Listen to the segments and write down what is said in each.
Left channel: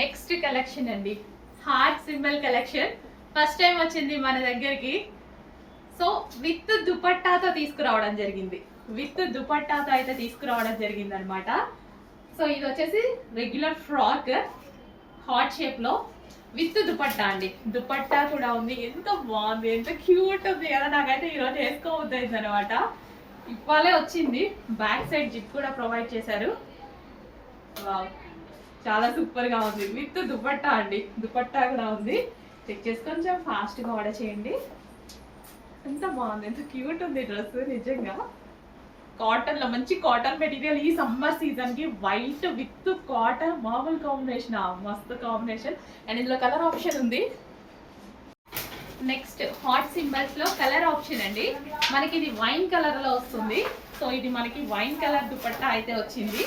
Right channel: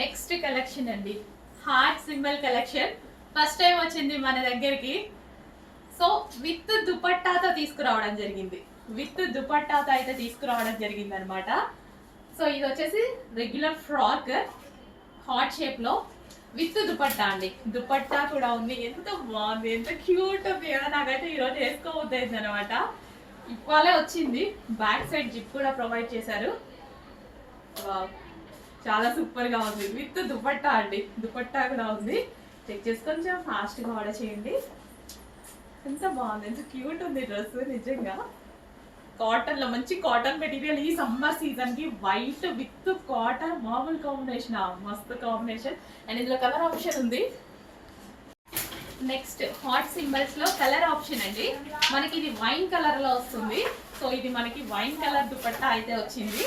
Next collection అండి, heart symbol collection. First time వచ్చింది మన దగ్గరికి. సో విత్ దుపట్టాతో తీసుకురావడం జరిగింది. అనమాట. సో ఇది వచ్చేసి రెగ్యులర్ ఫ్రాక్ హార్ట్ షేప్ లో విత్ దుపట్టా అండి. దుపట్టా కూడా ఉంది. ఎంత బాగుంది, ఎంత క్యూట్ ఉంది కదా. నాకైతే ఈరోజు వేసుకోవద్దు అనమాట. ఇవాళే వచ్చింది. బ్యాక్ సైడ్ జిప్ కూడా ప్రొవైడ్ చేశారు. చాలా సూపర్ గా ఉంది. విత్ దుపట్టా అండి. దుపట్టా కూడా ఉంది. చెక్ చేసి కొంచెం ఫాస్ట్ గా ఆర్డర్ చేయండి. ఎంత బాగుంది, ఎంత క్యూట్ ఉంది డ్రెస్. నిజంగా కాటన్ లో మంచి కాటన్ మెటీరియల్. ఈ సమ్మర్ సీజన్ కి వైట్ విత్ కాటన్ మామూలు కాంబినేషన్, మస్తు కాంబినేషన్. అండ్ ఇందులో కలర్ ఆప్షన్ ఉంది. నెక్స్ట్ హాట్ సింబల్స్ లో కలర్ ఆప్షన్ అండి. మనకి ఇది వైన్ కలర్ లో వస్తుంది. సో ఇది మనకి వైన్ కలర్ దుపట్టా అయితే వచ్చింది.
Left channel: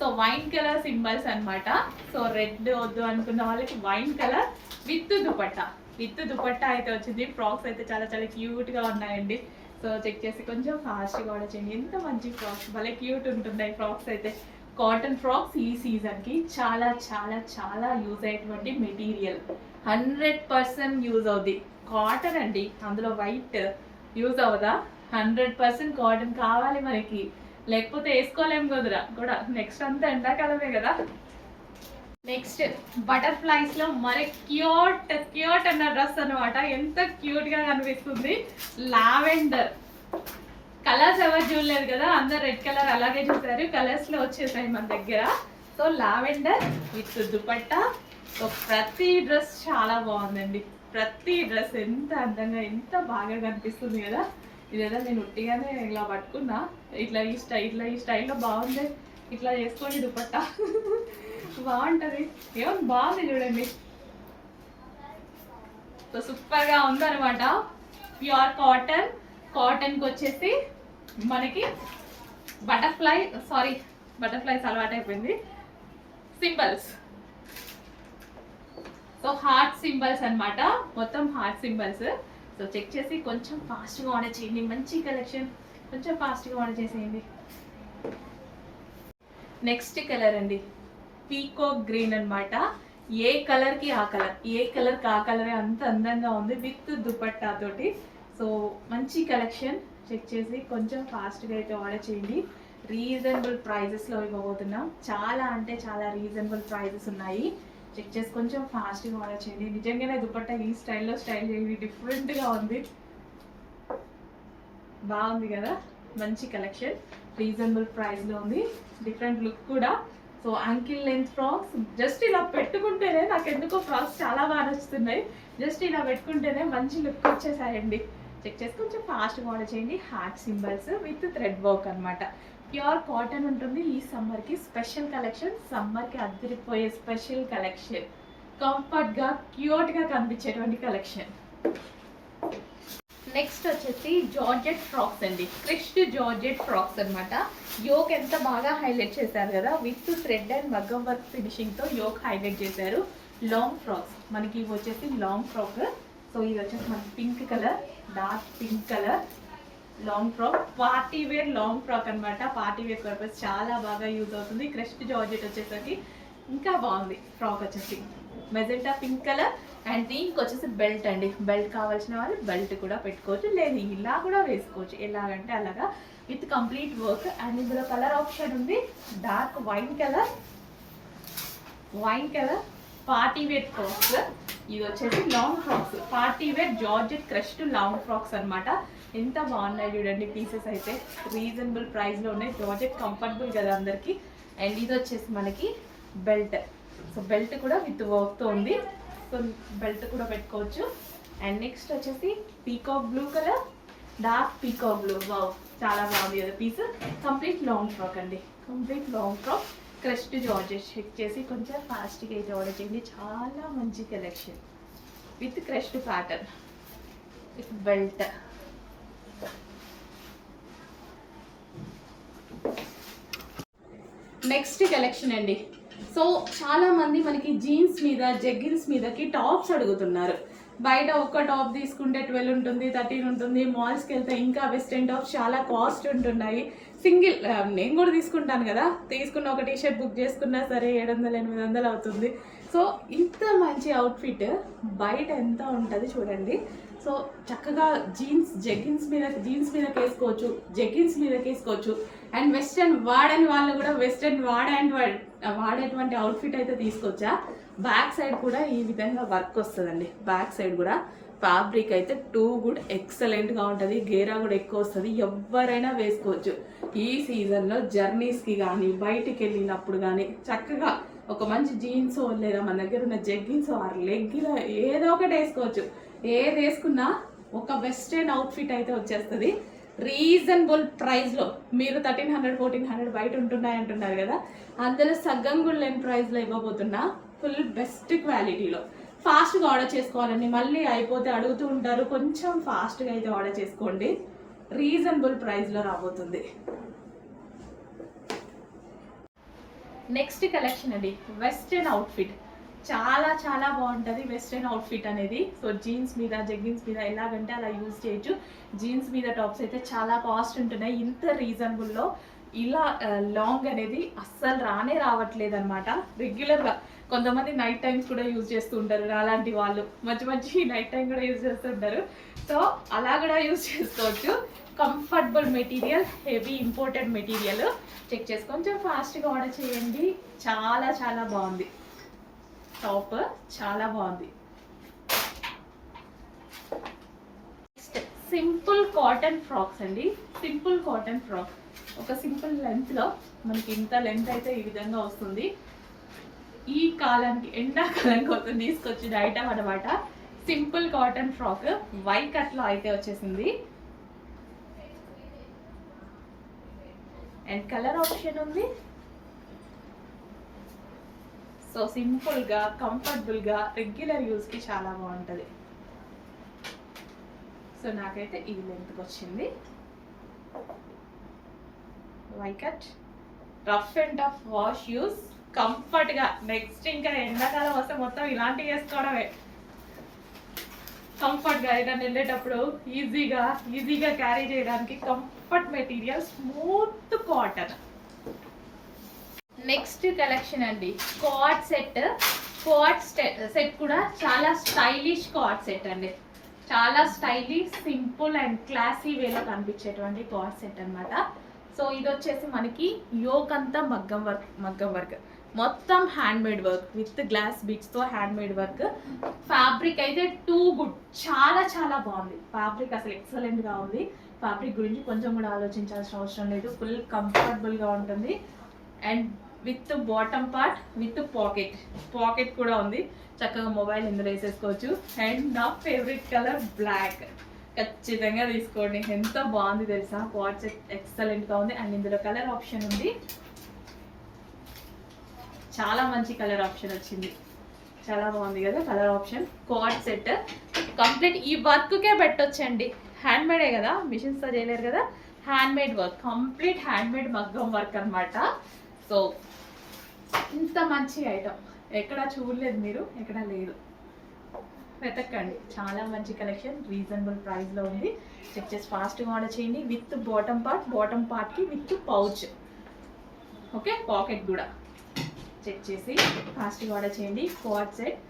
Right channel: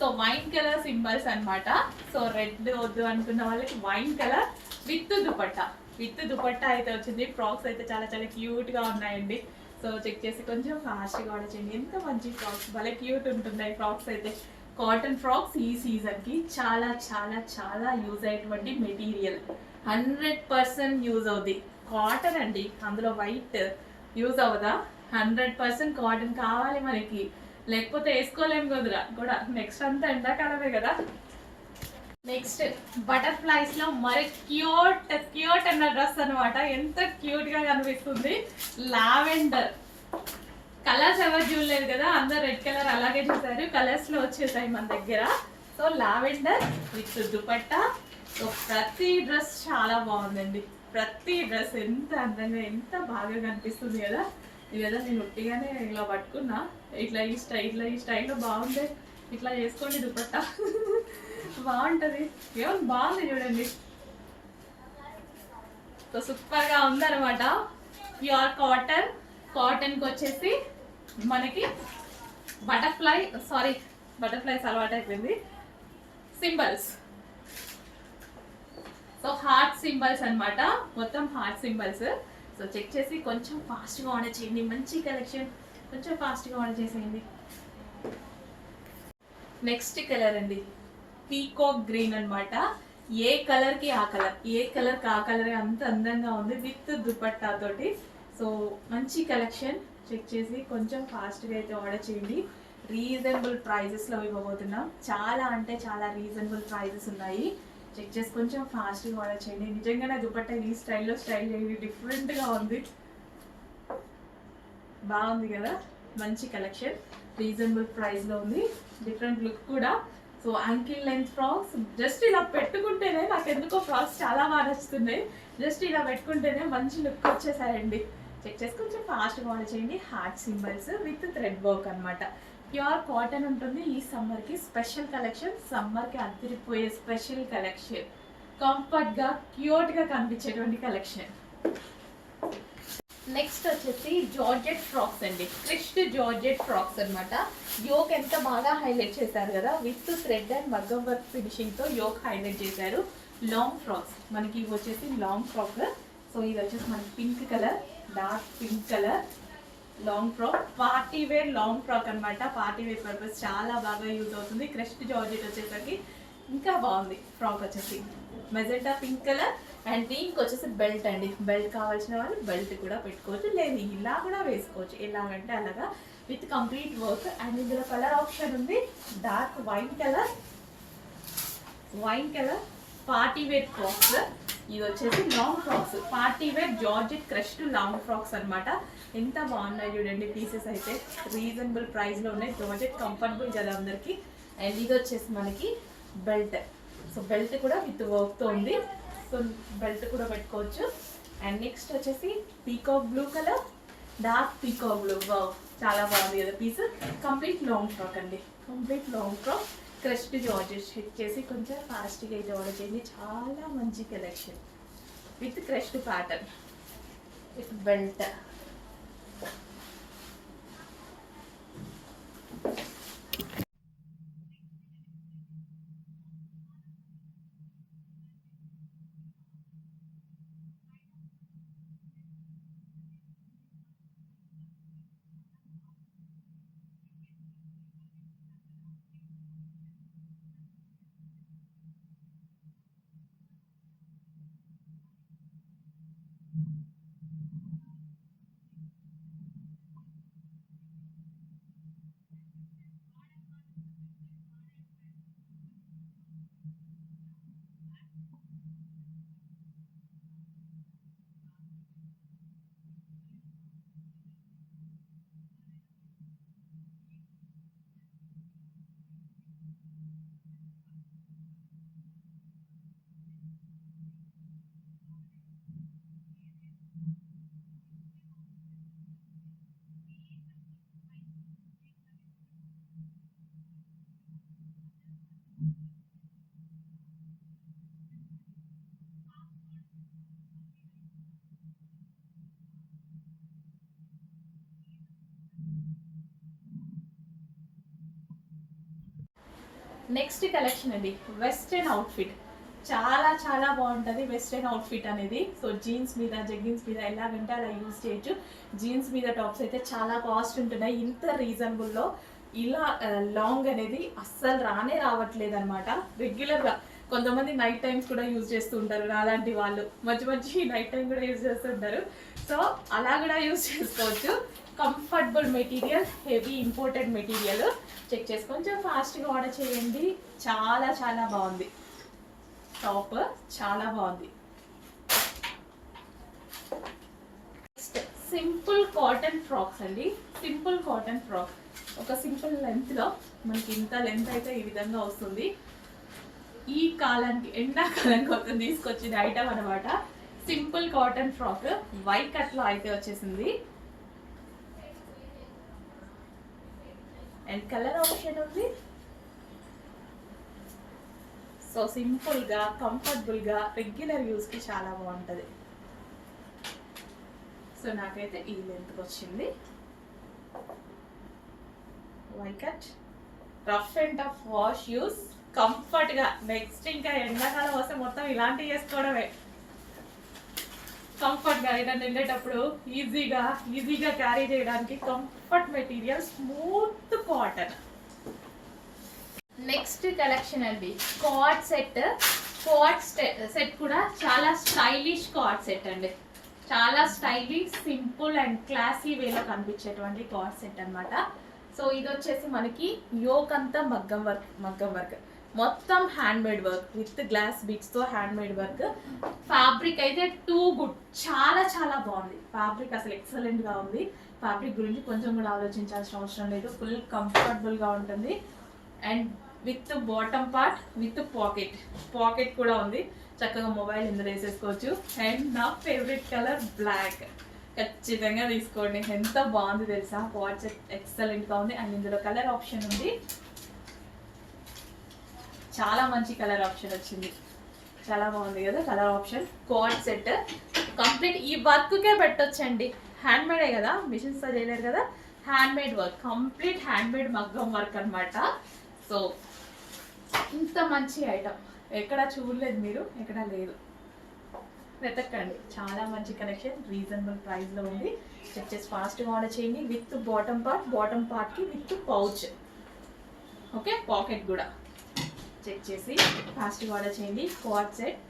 సో వైన్ కలర్ సింబల్స్ అనమాట. సో రెడ్ వద్దు అనుకున్న వాళ్ళకి వైన్ కలర్ విత్ దుపట్టా అయితే వచ్చింది. ఫ్రాక్స్ అయితే చాలా చాలా క్యూట్ గా ఉన్నాయండి. సో చెక్ చేసి కొంచెం ఫాస్ట్గా ఆర్డర్ చేయండి. ఎంత మంచి ఫ్రాక్స్, భలే క్యూట్ ఉంటున్నాయి ఫ్రాక్స్ అయితే. కాటన్ ఫ్రాక్స్ ఈ సీజన్కి చాలా చాలా చాలా యూజ్ అయ్యేటువంటి మెటీరియల్. 100% యూజ్ అవుద్ది. కాటన్ అండి, అందులో వైట్ యూజ్ అవ్వదా? 100% కాటన్ కావాలి మనకి, లేకపోతే వేసుకోలేము కూడా. నెక్స్ట్ అంతా ఎండాకాలమే కదా. నెక్స్ట్ బటర్ఫ్లైస్ లో మరి క్యూట్ అన్న డ్రెస్ అనమాట. ఎంత క్యూట్ గా కనిపిస్తుంది. లావెండర్ కలర్స్ ఎవరు చూడలేదు కదా, అందరు రెడ్ కలర్ అలాగే చూసారు. కలర్స్ లో వచ్చేసాయి మన దగ్గర. So lavender with dupatta. So ప్రతి డ్రెస్ చాలా బాగుందండి. ప్రతి డ్రెస్ ఎంత అందంగా, ఎంత బాగా కనిపిస్తుంది కదా. ఇదేదో నేను ఉట్టిగానే ఇలా పట్టుకున్నా. ఇట్లా ఈ స్టైల్లో బాగుంది. ఇట్లా చేసుకోండి దుపట్టా. బాగుంటది. ఏమన్నా బాగుంది చూడండి. సో సూపర్ గా ఉందన్నమాట. ప్యూర్ కాటన్ కి వచ్చేసి మనకి బటర్ఫ్లైస్ అలవాటు అయిపోయింది. సింబల్స్. సో హార్ట్ సింబల్స్ అనమాట. మొత్తం హార్ట్ సింబల్స్. సో చెక్ చేసి కొంచెం ఫాస్ట్గా ఆర్డర్ చేయండి. మంచి కలెక్షన్, కొంచెం ఫాస్ట్గా ఆర్డర్ చేసేయండి. నెక్స్ట్ కలర్ అండి, పీకాక్ గ్రీన్ అనమాట. ఏ కలర్కి ఆ కలర్ అంత అందంగా ఉంది విత్ దుపట్టా తోటి. సో మంచి కలెక్షన్. చెక్ చేసి కొంచెం ఫాస్ట్గా అయితే ఆర్డర్ చేయండి. రీజనబుల్ ప్రైజెస్లో ఇవ్వబోతున్నాం. చాలా అంటే చాలా రీజనబుల్ ప్రైజెస్ ఉన్నాయి. చెక్ చేసి కొంచెం ఫాస్ట్గా ఆర్డర్ చేయండి. నిజంగానే దుపట్టా ఈ స్టైల్ చేయండి. డిఫరెంట్గా ఉంది, బాగుంది కదా. మంచి కలెక్షన్, రీజనబుల్ ప్రైస్లో ఉంది. డిఫరెంట్ లుక్ కూడా. So ankle length frocks just ఇలా పెట్టుకుంటేనే, నాకు ఎందుకో ఫ్రాక్స్ చాలా బాగా నచ్చుతున్నాయి. జస్ట్ ఇలా పెట్టుకుంటేనే మంచి లుక్ వచ్చేసాయండి. చెక్ చేసి కొంచెం ఫాస్ట్గా ఆర్డర్ చేయండి. Heart symbols with thread work అనమాట. ప్యూర్ కాటన్ ఉంటుంది. ఈ సమ్మర్కి స్పెషల్ కలెక్షన్, సమ్మర్కి అదిరిపోయే స్పెషల్ కలెక్షన్. కంఫర్ట్గా క్యూట్గా కనిపించేటువంటి కలెక్షన్. నెక్స్ట్ వచ్చేసి జార్జెట్ ఫ్రాక్స్ అండి. క్రిస్ట్ జార్జెట్ ఫ్రాక్స్ అనమాట. యోక్ ఎంత బాగా హైలైట్ చేశారు కదా, విత్ థ్రెడ్ అండ్ మగ్గం వర్క్ ఫినిషింగ్తో యోక్ హైలైట్ చేశారు. లాంగ్ ఫ్రాక్స్ మనకి ఇవి వచ్చేసి లాంగ్ ఫ్రాక్. సో ఇది వచ్చేసి మనకి pink colour, dark pink colour long frock. Party wear long frock అనమాట. పార్టీ వేర్ పర్పస్ చాలా బాగా యూజ్ అవుతుంది. క్రిస్ట్ జార్జెట్ వచ్చేసరికి ఇంకా బాగుంది. ఫ్రాక్ వచ్చేసి మెజెంటా పింక్ కలర్. అండ్ దీనికి వచ్చేసి బెల్ట్ అండి. బెల్ట్ కావాల్సిన వాళ్ళు బెల్ట్ కూడా పెట్టుకోవచ్చు, లేదు ఇలా కూడా వేసుకోవచ్చు. ఎలాగంటే అలాగా విత్ కంప్లీట్ వర్క్. అండ్ ఇందులో కలర్ ఆప్షన్ ఉంది. Dark wine colour party wear frocks. ఇది వచ్చేసి long frocks, party wear georgette crushed long frocks అనమాట. ఎంత బాగున్నాయి చూడండి. పీసెస్ అయితే రీజనబుల్ ప్రైస్లో ఉన్నాయి. జార్జెట్ కంఫర్టబుల్ కదా అందరికి. అండ్ ఇది వచ్చేసి మనకి బెల్ట్. సో బెల్ట్ కూడా విత్ వర్క్తో ఉంది. సో బెల్ట్ కూడా పెట్టుకోవచ్చు. అండ్ నెక్స్ట్ వచ్చేసి peacock blue colour, dark peacock blue. Wow, చాలా బాగుంది కదా పీస్. కంప్లీట్ లాంగ్ ఫ్రాక్ అండి. Complete long frock crushed georgette. Check చేసి కొంచెం ఫాస్ట్గా అయితే ఆర్డర్ చేయండి. చాలా మంచి collection with crushed pattern with belt. Next collection అండి. సో చాలా మంది మనకి జీన్స్ మీద, జెగ్గిన్స్ మీదకి టాప్స్ అడుగుతున్నారు. బయట ఒక్క టాప్ తీసుకుంటే 12 ఉంటుంది, 13 ఉంటుంది. మాల్స్కి వెళ్తే ఇంకా వెస్ట్రన్ టాప్స్ చాలా కాస్ట్ ఉంటున్నాయి. సింగిల్ నేను కూడా తీసుకుంటాను కదా, తీసుకున్న ఒక టీషర్ట్ బుక్ చేసుకున్నా సరే 700-800 అవుతుంది. సో ఇంత మంచి అవుట్ఫిట్ బయట ఎంత ఉంటుంది చూడండి. సో చక్కగా జీన్స్ మీదకి వేసుకోవచ్చు, జెగిన్స్ మీదకి వేసుకోవచ్చు. అండ్ వెస్ట్రన్ వాడని వాళ్ళు కూడా వెస్ట్రన్ వాడేటువంటి అవుట్ఫిట్ అయితే తీసుకొచ్చా. బ్యాక్ సైడ్ కూడా ఈ విధంగా వర్క్ వస్తుందండి. బ్యాక్ సైడ్ కూడా ఫ్యాబ్రిక్ అయితే టూ గుడ్ ఎక్సలెంట్గా ఉంటుంది. గేరా కూడా ఎక్కువ వస్తుంది, ఎవరైనా వేసుకోవచ్చు. ఈ సీజన్లో జర్నీస్కి కానీ బయటికి వెళ్ళినప్పుడు కానీ చక్కగా ఒక మంచి జీన్స్ లేదా మన దగ్గర ఉన్న జెగ్గిన్స్ ఆర్ లెగ్గిన్ ఏదో ఒకటి వేసుకోవచ్చు. ఏది వేసుకున్నా ఒక వెస్ట్రన్ అవుట్ఫిట్ అయితే వచ్చేస్తుంది రీజనబుల్ ప్రైస్లో. మీరు 1300 1400 బయట ఉంటున్నాయి అంటున్నారు కదా, అందులో సగం కూడా లేని ప్రైస్లో ఇవ్వబోతున్నా. ఫుల్ బెస్ట్ క్వాలిటీలో ఫాస్ట్గా ఆర్డర్ చేసుకోవాలండి. మళ్ళీ అయిపోతే అడుగుతూ ఉంటారు, కొంచెం ఫాస్ట్గా అయితే ఆర్డర్ చేసుకోండి. రీజనబుల్ ప్రైస్లో రాబోతుంది. నెక్స్ట్ కలెక్షన్ అండి, వెస్ట్రన్ అవుట్ఫిట్. చాలా చాలా బాగుంటుంది వెస్ట్రన్ అవుట్ఫిట్ అనేది. సో జీన్స్ మీద జెగ్గిన్స్ మీద ఎలాగంటే అలా యూజ్ చేయొచ్చు. జీన్స్ మీద టాప్స్ అయితే చాలా కాస్ట్ ఉంటున్నాయి. ఇంత రీజనబుల్లో ఇలా లాంగ్ అనేది అస్సలు రావట్లేదు అనమాట. రెగ్యులర్గా కొంతమంది నైట్ టైమ్స్ కూడా యూజ్ చేస్తూ ఉంటారు, అలాంటి వాళ్ళు మంచి నైట్ టైం కూడా యూజ్ చేస్తూ ఉంటారు. సో అలా కూడా యూజ్ చేసుకోవచ్చు. Comfortable material, heavy imported material. Check చేసి కొంచెం ఫాస్ట్గా ఆర్డర్ చేయండి. చాలా చాలా బాగుంది టాప్, చాలా బాగుంది. సింపుల్ కాటన్ ఫ్రాక్స్ అండి. సింపుల్ కాటన్ ఫ్రాక్ ఒక సింపుల్ లెంత్లో మనకి ఇంత లెంత్ అయితే ఈ విధంగా వస్తుంది. ఈ కాలానికి ఎండాకాలం కోసం తీసుకొచ్చిన ఐటమ్ అనమాట. సింపుల్ కాటన్ ఫ్రాక్ వై కట్లో అయితే వచ్చేసింది. అండ్ కలర్ ఆప్షన్ ఉంది. సో సింపుల్గా కంఫర్టబుల్గా రెగ్యులర్ యూస్కి చాలా బాగుంటుంది. సో నాకైతే ఈ లెంత్కి వచ్చింది. Y cut, rough and tough wash use, కంఫర్ట్గా. నెక్స్ట్ ఇంకా ఎండాకాలం వస్తే మొత్తం ఇలాంటివి వేసుకోవడమే. కంఫర్ట్గా ఏదైనా వెళ్ళేటప్పుడు ఈజీగా క్యారీ చేయడానికి comfort material, smooth cotton. Next collection అండి, కోట్ సెట్. కోట్ సెట్ కూడా చాలా స్టైలిష్ కోట్ సెట్ అండి. చాలా స్టైలిష్, సింపుల్ అండ్ క్లాసీ వేలో కనిపించేటువంటి కోట్ సెట్ అనమాట. సో ఇది వచ్చేసి మనకి యోక్ అంతా మగ్గం వర్క్ మొత్తం hand made work with glass బీట్స్తో హ్యాండ్ మేడ్ వర్క్. ఫ్యాబ్రిక్ అయితే టూ గుడ్, చాలా చాలా బాగుంది. ఫ్యాబ్రిక్ అసలు ఎక్సలెంట్గా ఉంది. ఫ్యాబ్రిక్ గురించి కొంచెం కూడా ఆలోచించాల్సిన అవసరం లేదు. ఫుల్ కంఫర్టబుల్గా ఉంటుంది. And with bottom part with pocket కూడా ఉంది. చక్కగా మొబైల్ ఇందులో వేసేసుకోవచ్చు. అండ్ నా ఫేవరెట్ కలర్ బ్లాక్. ఖచ్చితంగా తీసుకోండి, ఎంత బాగుంది తెలుసా. కోట్ సెట్ ఎక్సలెంట్గా ఉంది. అండ్ ఇందులో కలర్ ఆప్షన్ ఉంది, చాలా మంచి కలర్ ఆప్షన్ వచ్చింది. చాలా బాగుంది కదా colour option. Coat set complete ఈ వర్క్కే పెట్టొచ్చండి. హ్యాండ్ మేడే కదా, మిషన్స్తో చేయలేరు కదా, hand made work, complete hand made మగ్గం వర్క్ అనమాట. సో ఇంత మంచి ఐటమ్ ఎక్కడ చూడలేదు మీరు, ఎక్కడ లేదు, వెతకండి. చాలా మంచి కలెక్షన్, రీజనబుల్ ప్రైస్లో ఉంది. చెక్ చేసి ఫాస్ట్గా ఆర్డర్ చేయండి. విత్ బాటమ్ పార్ట్కి విత్ పౌచ్, ఓకే, పాకెట్ కూడా. చెక్ చేసి ఫాస్ట్గా ఆర్డర్ చేయండి. కోట్ సెట్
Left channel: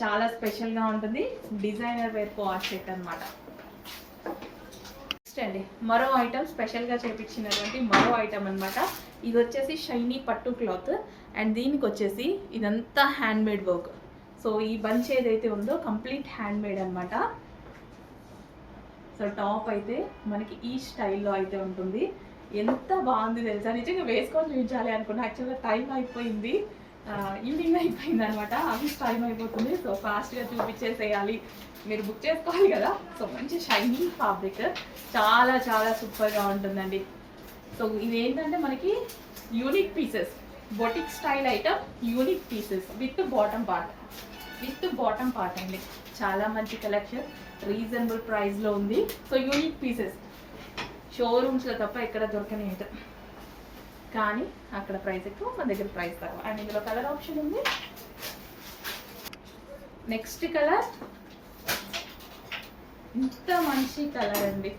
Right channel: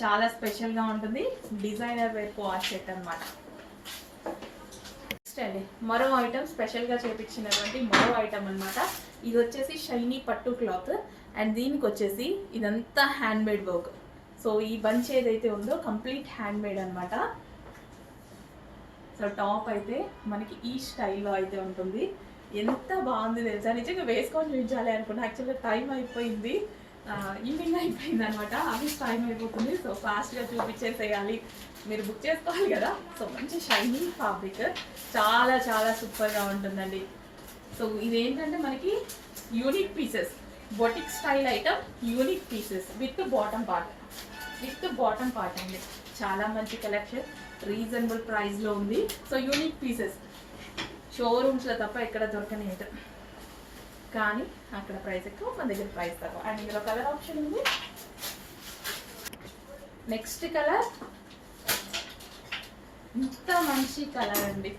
చాలా స్పెషల్గా ఉంటుంది. డిజైనర్ వేర్ కోట్ సెట్ అనమాట. నెక్స్ట్ అండి మరో ఐటమ్, స్పెషల్గా చేపించినటువంటి మరో ఐటమ్ అనమాట. ఇది వచ్చేసి షైనీ పట్టు క్లాత్. అండ్ దీనికి వచ్చేసి ఇదంతా హ్యాండ్ మేడ్ వర్క్. సో ఈ బంచ్ ఏదైతే ఉందో కంప్లీట్ హ్యాండ్ మేడ్ అనమాట. సో టాప్ అయితే మనకి ఈ స్టైల్లో అయితే ఉంటుంది. ఎంత బాగుంది తెలుసా, నిజంగా వేసుకొని చూపించాలి అనుకున్నా. యాక్చువల్గా టైం అయిపోయింది, ఈవినింగ్ అయిపోయింది అనమాట. ఆఫీస్ టైం అయిపోతుంది. సో ఫాస్ట్గా చూపించేసేయాలి, మీరు బుక్ చేసుకోవాలి కదా. సో మంచి షైనీ ఫ్యాబ్రిక్, చాలా చాలా సూపర్గా ఉంటుందండి. సో ఇదేంటంటే మనకి unique pieces, boutique style item, unique pieces with bottom part అండి. చాలా మంచి కలెక్షన్, రీజనబుల్ ప్రైస్లో ఉంది. సో యూనిక్ పీసెస్ షోరూమ్స్లో తప్ప ఎక్కడ దొరకని ఐటమ్, కానీ అక్కడ ప్రైస్ ఎక్కువ, మన దగ్గర ప్రైస్ తక్కువ. అండ్ ఇందులో కలర్ ఆప్షన్ ఉంది. నెక్స్ట్ కలర్, ఇంత మంచి కలర్ అండి.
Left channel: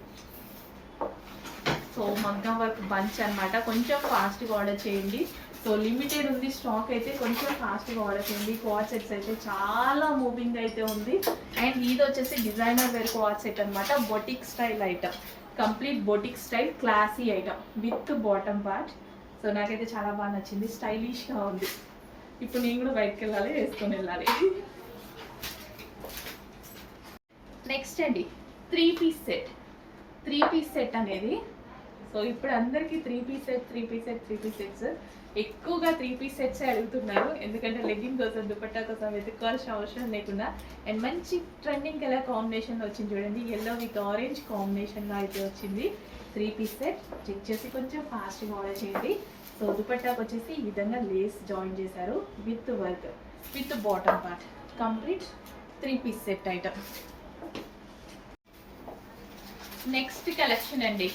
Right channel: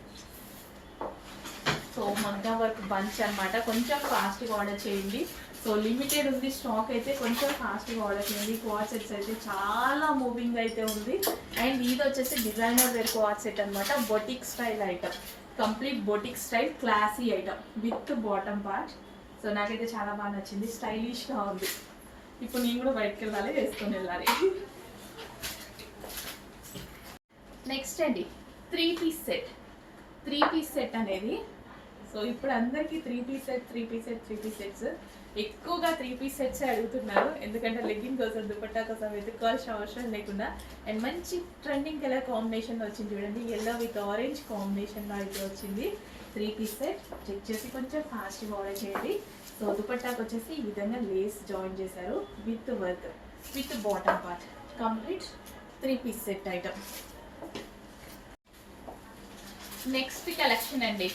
సో మగ్గం వర్క్ బంచ్ అనమాట. కొంచెం ఫాస్ట్గా ఆర్డర్ చేయండి. సో లిమిటెడ్ ఉంది స్టాక్ అయితే, కొంచెం ఫాస్ట్గా ఆర్డర్ చేయండి. క్వాడ్ సెట్స్ అయితే చాలా మూవింగ్ అయితే ఉంది. అండ్ ఇది వచ్చేసి డిజైనర్ వేర్ క్వాడ్ సెట్ అనమాట. Boutique style item, complete boutique style classy item with bottom part. So నాకైతే చాలా బాగా నచ్చింది, స్టైలిష్గా ఉంది. ఇప్పుడు నేను కూడా బయటకు వెళ్ళాలి, వేసుకొని వెళ్ళాలి. నెక్స్ట్ అండి 3-piece సెట్. 3-piece సెట్ అనేది, సో ఇప్పుడు అందరికీ 3-piece సెట్స్ ఎక్కువగా 3-piece సెట్స్ అడుగుతున్నారు. ఎందుకంటే లెగ్గింగ్ కోసం, దుపట్టా కోసం వెతుక్కోవాల్సిన అవసరం లేకుండా అండ్ మంచి ట్రెండింగ్ కలర్ కాంబినేషన్లో వచ్చింది చూడండి. ఎల్లో విత్ ఆరెంజ్ కాంబినేషన్లో అయితే వచ్చింది 3-piece సెట్. చెక్ చేసి కొంచెం ఫాస్ట్గా ఆర్డర్ చేయండి. సో దుపట్టాకు వచ్చేసి ఈ విధంగా లేస్ జాయిన్ చేశారు with work, with bottom part, complete 3-piece set item. Next collection అండి,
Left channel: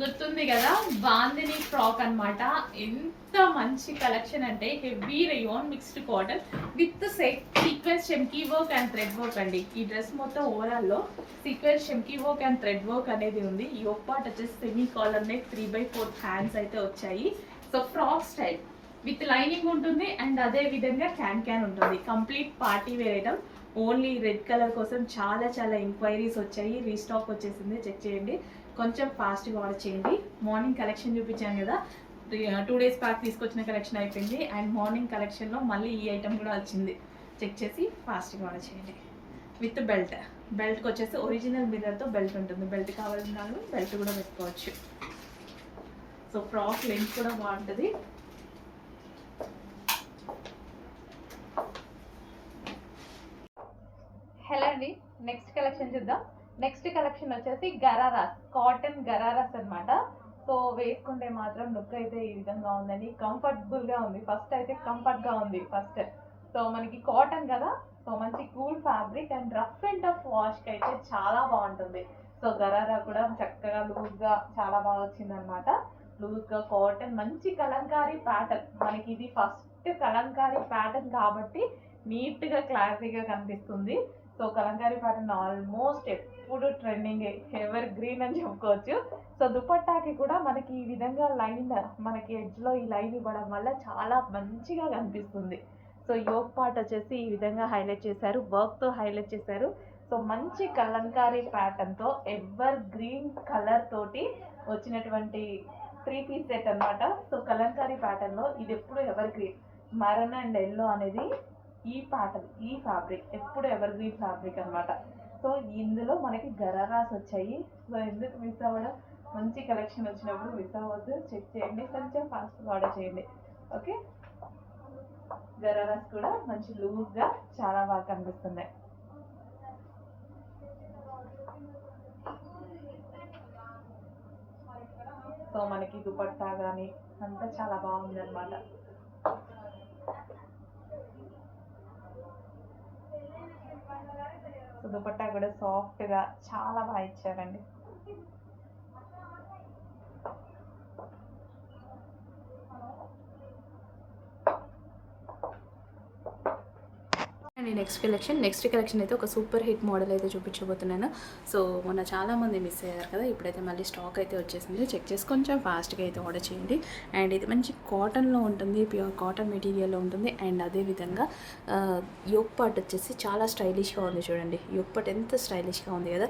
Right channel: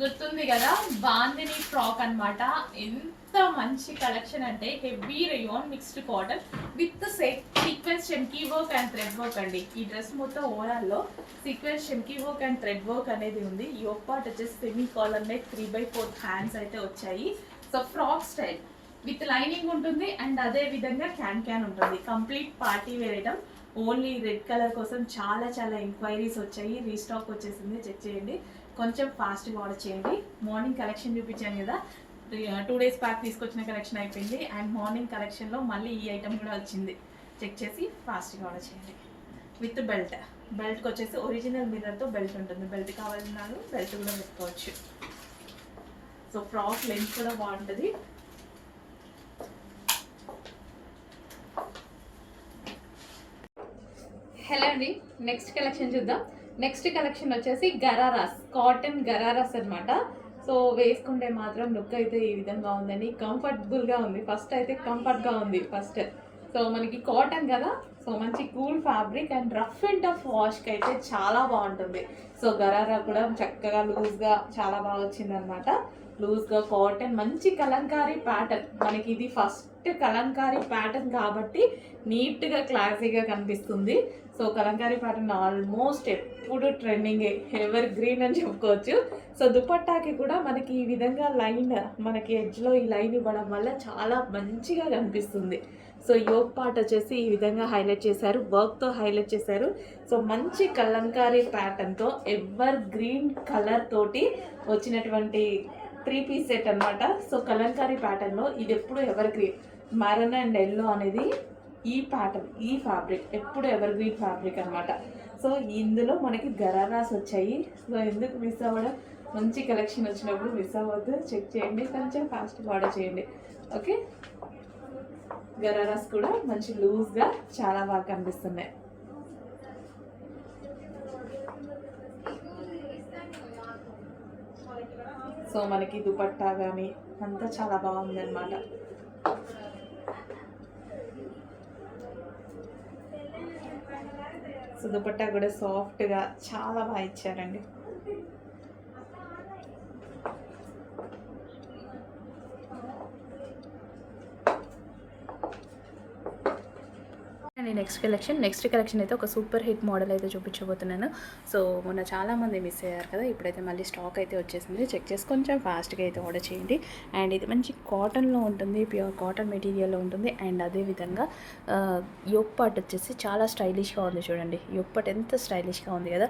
గుర్తుంది కదా, బాందిని ఫ్రాక్ అన్నమాట. ఎంత మంచి కలెక్షన్ అంటే heavy rayon mixed cotton with sequence చెమ్కీ వర్క్ అండ్ థ్రెడ్ వర్క్ అండి. ఈ డ్రెస్ మొత్తం ఓవరాల్లో సీక్వెన్స్ చెమ్కీ వర్క్ అండ్ థ్రెడ్ వర్క్ అనేది ఉంది. యోక్ పార్ట్ వచ్చేసి సెమీ కాలర్ నెక్ 3/4 హ్యాండ్స్ అయితే వచ్చాయి. So frock style with lining ఉంటుంది అండ్ అదే విధంగా క్యాన్ ఉంటుంది. Complete party wear item. Only red colour కోసం చాలా చాలా ఎంక్వైరీస్ వచ్చాయి, రీస్టాక్ వచ్చేసింది. చెక్ చేయండి, కొంచెం ఫాస్ట్గా ఆర్డర్ చేయండి. మార్నింగ్ కలెక్షన్ చూపించాను కదా, 2 days బ్యాక్ తీసుకొచ్చిన కలెక్షన్ అయిపోయింది. అండ్ మార్నింగ్ కలెక్షన్లో మళ్ళీ ఈ ఐటమ్ కూడా వచ్చింది. చెక్ చేసి ఫాస్ట్గా ఆర్డర్ చేయండి. విత్ బెల్ట్కి వచ్చేసి ఒరిజినల్ మిర్రర్తో బెల్ట్ ఉంటుంది. బెల్ట్ కావాలన్న వాళ్ళు బెల్ట్ కూడా పెట్టుకోవచ్చు. సో ఫ్రాక్ లెంత్ కూడా బాగుంటుంది. హలో అండి, నెక్స్ట్ కలెక్షన్ చూద్దాం. నెక్స్ట్ కలెక్షన్ వచ్చేసి గరారాస్, కాటన్ గరారాస్ అనమాట. సో వేసుకుంటే మాత్రం లుక్ అయితే ఈ విధంగా ఉందండి, కంఫర్టబుల్గా ఉంది. ఫస్ట్ అయితే కంఫర్ట్గా ఉంది ఫస్ట్. సో మనకి కాటన్ కదా, సో మంచి cool fabric and rough and tough వాష్కి అయితే చాలా బాగుంటుంది. సో గరారా కూడా చక్కగా లూజ్గా చాలా బాగా వచ్చింది అనమాట. లూజ్గా కాటన్, మంచి కలంకారీ ప్యాటర్న్. మనకి ఇది ఫస్ట్ కలంకారీ ప్యాటర్న్ కాబట్టి నీట్గా క్లాసీగా కనిపిస్తుంది. సో కలంకారీ ప్యాటర్న్ ఆల్మోస్ట్ ఎప్పుడు ట్రెండింగ్, ఎవర్ గ్రీన్ అని చెప్పుకోవచ్చు. సో దుపట్టాకి కూడా మనకి ఈ విధంగా లైన్, మనకి ఎడ్జ్లో ఈ లైన్ ఇవ్వడం వల్ల చాలా మంచిగా కనిపిస్తుంది. సో యోక్ పార్ట్ వచ్చేసి ఈ విధంగా హైలైట్ చేశారు, వర్క్తో హైలైట్ చేశారు. సో మంచి కలంకారీ ప్యాటర్న్తో ఎవర్ గ్రీన్ కలర్ తోటి వచ్చినటువంటి 3-piece సెట్ అనమాట. సో కలంకారీ ప్యాటర్న్లో ఇది ఎప్పుడు ever green, Maran and yellow అనేది ఈ ప్యాటర్న్, ఈ ఫ్యాబ్రిక్ ఎప్పుడు ఎవర్ గ్రీన్ ఫ్యాబ్రిక్ అనమాట. సో ఇందులో మనకి గరారాస్ వచ్చాయి. సో ఎందుకు మిస్ అవ్వడం, మంచి కలెక్షన్ వచ్చినప్పుడు మిస్ అవ్వద్దు. చెక్ చేయండి, కొంచెం ఫాస్ట్గా ఆర్డర్ చేయండి. ఓకే, గరారాస్ కూడా మంచి లూజ్గా చాలా బాగా కనిపిస్తున్నాయి. సో మనకి దుపట్టా కానీ అంతా చాలా బాగుంది అనమాట. సో దుపట్టా కూడా సాఫ్ట్గా చాలా బాగా ఇచ్చారండి. అండ్ నెక్స్ట్ కలెక్షన్ అయితే ఒక సూపర్ హిట్ మోడల్ అయితే చూపించబోతున్నాను. సో మొన్న చాలామంది మిస్ అయ్యారు కదా, ఇప్పుడైతే మళ్ళీ స్టాక్ అయితే వచ్చేసింది. చెక్ చేసి కొంచెం ఫాస్ట్గా అయితే ఆర్డర్ చేయండి. అండ్ ఇది మంచి కాటన్లో ఉంటుంది, ప్యూర్ కాటన్ మెటీరియల్లో ఉంటుంది. అండ్ అదేవిధంగా యోక్ పార్ట్ వచ్చేసి చాలా స్టైలిష్గా ఉంది. చూడండి యోక్ పార్ట్ ఎంత స్టైలిష్గా ఉంది కదా,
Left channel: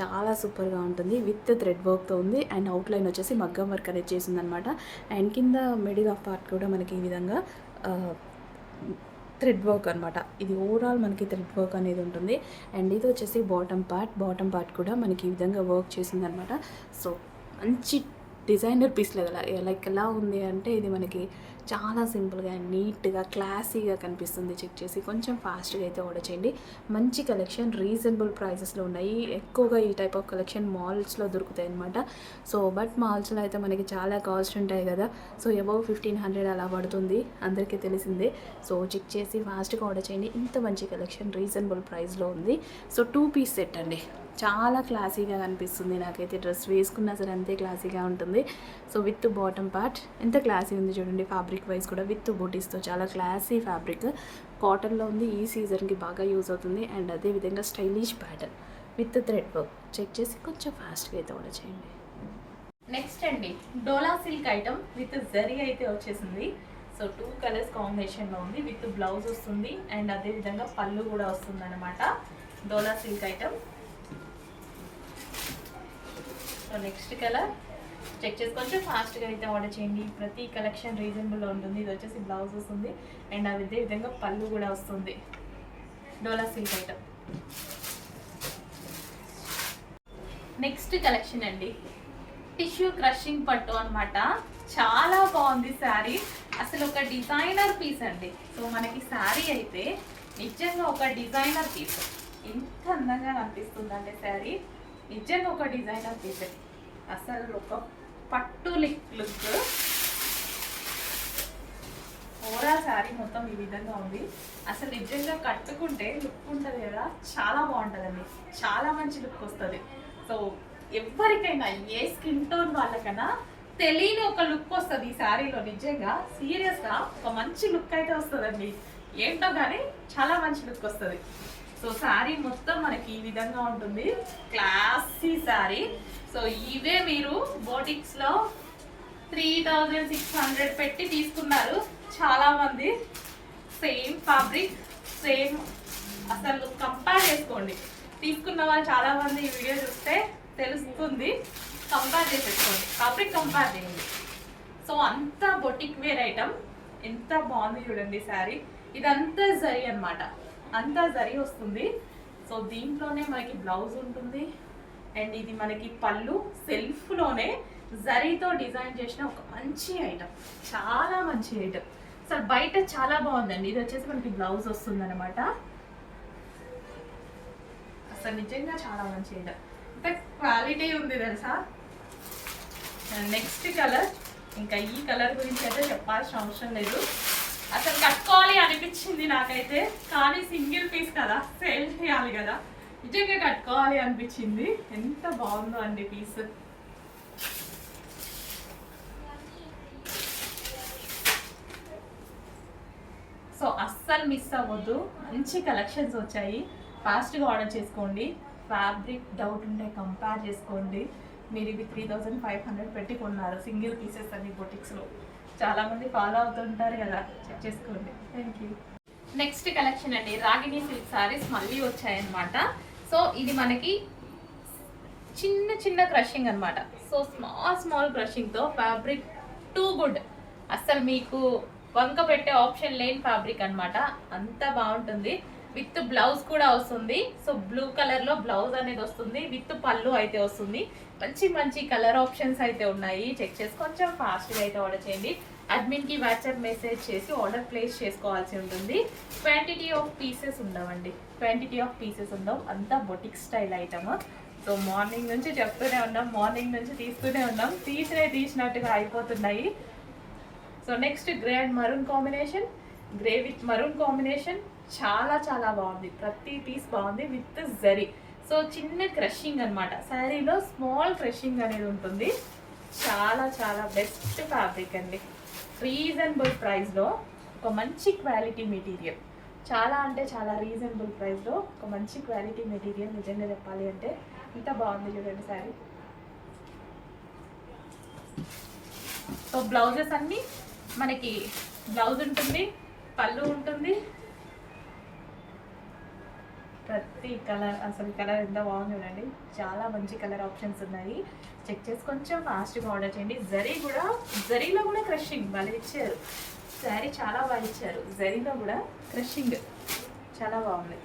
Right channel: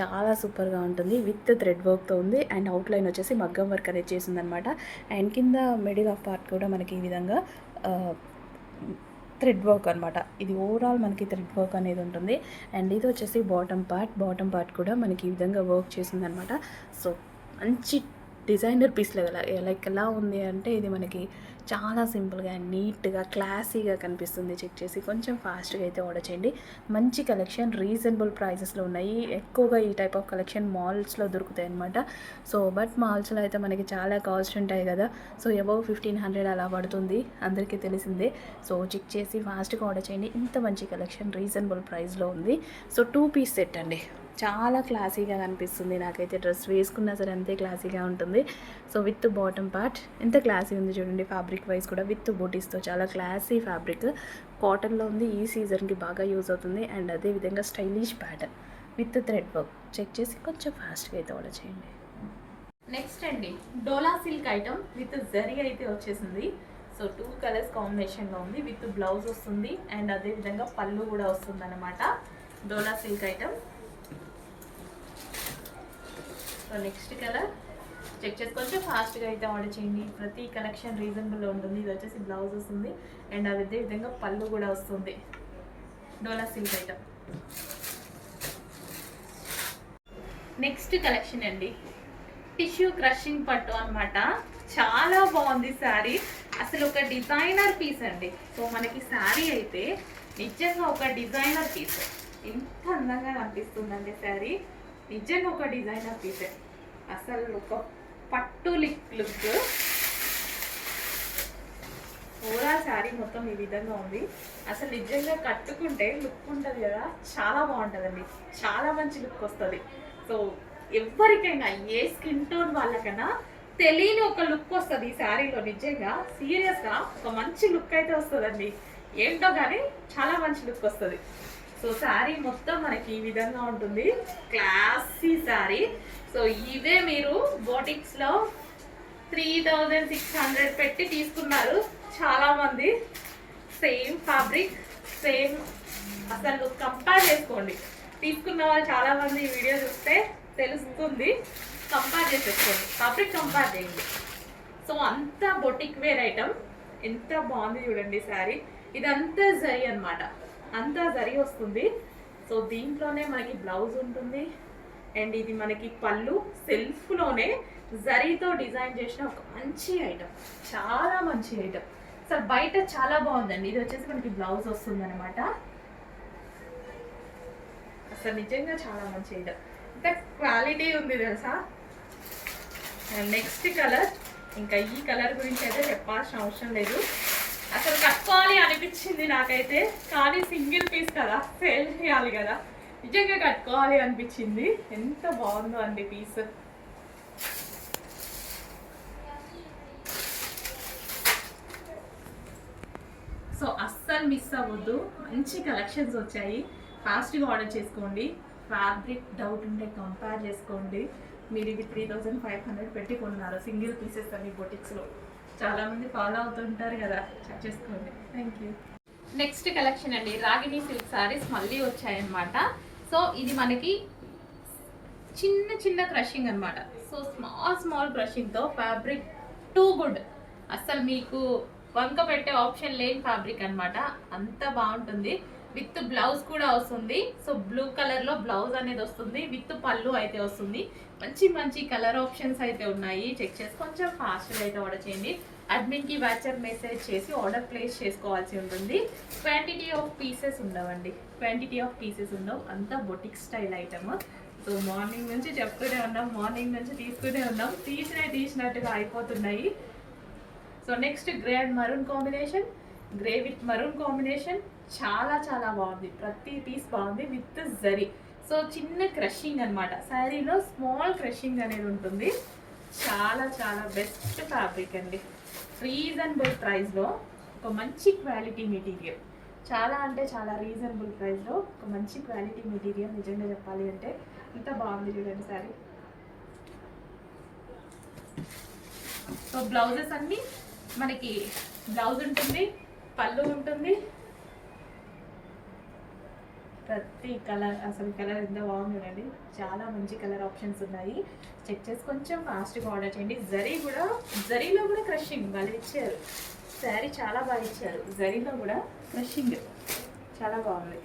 చాలా సూపర్గా ఉంటుంది. విత్ థ్రెడ్ వర్క్తో ఉంది. అండ్ అవుట్లైన్ వచ్చేసి మగ్గం వర్క్ అనేది చేసింది అనమాట. అండ్ కింద మిడిల్ ఆఫ్ పార్ట్ కూడా మనకి ఈ విధంగా థ్రెడ్ వర్క్ అనమాట. ఇది ఓవరాల్ మనకి థ్రెడ్ వర్క్ అనేది ఉంటుంది. అండ్ ఇది వచ్చేసి బాటమ్ పార్ట్ కూడా మనకి ఈ విధంగా వర్క్ చేసిందనమాట. సో మంచి డిజైనర్ పీస్ లైక్ ఎలా ఉంది అంటే ఇది మనకి చాలా సింపుల్గా అండ్ నీట్గా క్లాసీగా కనిపిస్తుంది. చెక్ చేసి కొంచెం ఫాస్ట్గా అయితే ఆర్డర్ చేయండి. మంచి కలెక్షన్, రీజనబుల్ ప్రైజెస్లో ఉన్నాయి. ఎక్కువగా ఈ టైప్ ఆఫ్ కలెక్షన్ మాల్స్లో దొరుకుతాయి అనమాట. సో బట్ మాల్స్లో అయితే మనకి చాలా కాస్ట్ ఉంటాయి కదా. సో అబౌవ్ 1500 అలా పడుతుంది, అందరికీ తెలిసిందే. సో చెక్ చేసి ఫాస్ట్గా ఆర్డర్ చేయండి. ఇంత మంచి కలెక్షన్ రీజనబుల్ ప్రైస్లో ఉంది. సో 2-piece సెట్ అండి, చాలా క్లాసీగా కనిపిస్తుంది. నాకైతే డ్రెస్ వేసుకున్నా సరే అంతే క్లాసీగా ఉంటుంది. సో విత్ బాటమ్ పార్ట్ ఎంత క్లాసీ ఉంది చూడండి. ఫ్యాబ్రిక్ వైజ్ కూడా విత్ బూటీస్తో చాలా క్లాసీ ఫ్యాబ్రిక్, కాటన్లో ఉంది. ఈ సీజన్కి బాగా యూజ్ అవుతుంది. అండ్ అదేవిధంగా stylish pattern with thread work. Check చేసి కొంచెం ఫాస్ట్గా అయితే ఆర్డర్ చేయండి. నెక్స్ట్ అండి డోలా సిల్క్ ఐటమ్ విత్ జరీ అయితే వచ్చేసింది. సో 2 కలర్స్ కాంబినేషన్లో ఉంది, విత్ బ్లౌజ్ వస్తుంది అండ్ అదే విధంగా పళ్ళు కూడా వస్తుంది అనమాట. Dola silk item. So next colour check చేసి కొంచెం ఫాస్ట్గా అయితే ఆర్డర్ చేయండి. ప్రతి కలెక్షన్ రీజనబుల్లో ఉంటుంది. ఇది వచ్చేసి బ్లౌజ్ వస్తుంది అండ్ అదే విధంగా పళ్ళు కూడా వస్తుంది. డోలా సిల్క్ ఐటమ్. నెక్స్ట్ కలెక్షన్ అండి, టిష్యూ క్రషింగ్ పట్టు అనమాట. చాలా బాగుంది శారీ, అసలు ఒక డిజైనర్ పీస్ అండి. సో మనకి శారీ అయితే నిజంగా ఒక డిజైనర్ పీస్. ఎంత అందంగా అనిపిస్తుందండి శారీ, నిజంగా ఒక డిజైనర్ పీసే. అసలు ఒక పట్టు లుక్. ఓవరాల్ శారీ మొత్తం ఈ విధంగా ఉంది. అసలు నిజంగా కట్టుకుంటే లుక్ ఉంటుంది కదా, చాలా బాగుంటుందండి, చాలా మంచి లుక్ వస్తుంది. సో ఎవరికైనా ఏ స్కిన్ టోన్ వాళ్ళకైనా తెలియని ఒక లుక్ వస్తుంది ఈ శారీలో. నిజంగా సీరియస్గా ఒక మంచి లుక్ అయితే వస్తుందండి. ఏంటో కానీ చాలా మంచి లుక్ వస్తుంది. సో శారీ మొత్తం మనకి ఈ విధంగా ఉంటుంది, క్లాసీ శారీ. సో ఇవే మీరు బోటిక్స్లో 3600 పెట్టి తీసుకున్నారు చాలా మంది. Same fabric, same. అసలు కంపేర్ చేసుకోండి, తీసుకున్న వాళ్ళు చాలా మంది ఈ వీడియో చూస్తే తెలుస్తుంది. కంపేర్ చేసేసుకోండి, ఫ్యాబ్రిక్ కంపేర్ చేయండి. సో అంతా బొటిక్ వేర్ ఐటమ్. ఎంత బాగుంది చూడండి శారీ. ఇదంతా జరీ అనమాట, అంతా జరీ వస్తుంది. సో దీంట్లోనే మనకి బ్లౌజ్ ఉంటుంది అండ్ ఇది మనకి పళ్ళు. సెల్ఫ్లోనే జరీతో డిజైన్ చేసిన ఒక మంచి ఐటమ్, చాలా మంచి ఐటమ్. అసలు బయట చాలా బాగుందండి. ఇది వచ్చేసి మనకి బ్లౌజ్ వస్తుంది అనమాట. అసలు నిజంగా చాలా మంచి ఐటమ్, అంటే క్వాలిటీ ఉంది తెలుసా. నెక్స్ట్ కలర్, ఇంకా ఈ కలర్ గురించి అయితే చెప్పాల్సిన అవసరం లేదు. అసలు కట్టుకోవాలి అనిపించింది నాకైతే, కానీ సింగిల్ పీస్ కదా, సేల్ చేయాలి కదా, నిజంగా కట్టుకోవాలి అనిపించింది. ఎంత బాగుందో అండి పీస్. సో అస్సలు మిస్ అవ్వద్దు, మంచి కలెక్షన్స్ వచ్చాయి. ఫాస్ట్గా ఆర్డర్ చేసుకోండి. ఫ్యాబ్రిక్ డౌట్ ఉంటే కంపేర్ చేసుకోండి. మీరు ఇది 3500 పెట్టి కొన్నారు సింగిల్ పీసెస్ అన్ని బొటిక్స్లో. చాలామంది ఫాలో అవుతుంటారు కదా, చెక్ చేసుకోండి. Thank you. నెక్స్ట్ కలెక్షన్ అండి, రాగిణి సిల్క్ సారీస్ మళ్ళీ వచ్చాయన్నమాట. సో ఇది మనకి చిన్న చిన్న క్రషింగ్ అనమాట. సో స్మాల్ క్రషింగ్తో ఫ్యాబ్రిక్ టూ గుడ్. అస్సలు మీకు వంక పెట్టే ఆప్షన్ లేని ఫ్యాబ్రిక్ అనమాట, అంత బాగుంటుంది. విత్ బ్లౌజ్ కూడా వస్తుంది. సో బ్లూ కలర్లో బ్లౌజ్ అనేది వస్తుంది, విత్ పళ్ళు అయితే వస్తుంది. మంచి మంచి కలర్ ఆప్షన్స్ అయితే ఉన్నాయి. చెక్ చేసి కొంచెం ఫాస్ట్గా అయితే ఆర్డర్ చేయండి. అడ్మిన్కి వాట్సాప్ మెసేజ్ చేసి ఆర్డర్ ప్లేస్ చేసుకోవాల్సి ఉంటుంది. క్వాంటిటీ ఆఫ్ పీసెస్ ఉండవండి, క్వాంటిటీ ఆఫ్ పీసెస్ ఉండవు, అంతా boutique style item. So morning నుంచి చెప్తూనే ఉన్నాం, మార్నింగ్ నుంచి తీస్తూనే ఉన్నాం, తీసినట్టుగా అయిపోతున్నాయి. So next grey and maroon combination, grey with maroon combination. చాలా చాలా బాగుంది, ప్రతి పీస్ బాగుంది విత్ జరీ. సో చిన్న క్రషింగ్ అనమాట, శారీలో స్మాల్ క్రషింగ్ అనేది ఉంటుంది. చాలా చాలా బెస్ట్ ఫ్యాబ్రిక్ అండి. రీజనబుల్ ప్రైస్లో ఒక మంచి క్వాలిటీ మెటీరియల్, చాలా అంటే చాలా రీజనబుల్ ప్రైస్లో ఒక మంచి క్వాలిటీ మెటీరియల్. నిజంగా చెప్పాలి అంటే ఇంత బాగుంది చూడండి శారీ. సో బ్లౌజెస్ అన్నీ మనకి బ్లౌజ్ ఉంటుంది, పళ్ళు ఉంటుంది. ప్రతి కలర్, అసలు కలర్ ఎంత బాగుంది చూడండి, చాలా మంచి కలర్ ఆప్షన్స్ ఉన్నాయి. చెక్ చేసి కొంచెం ఫాస్ట్గా ఆర్డర్ చేయండి. జరీలో కూడా క్రషింగ్ వాళ్ళు ఇచ్చారు, శారీ చాలా బాగా ఇచ్చారు. జరీలో కూడా క్రషింగ్ చాలా బాగుంది.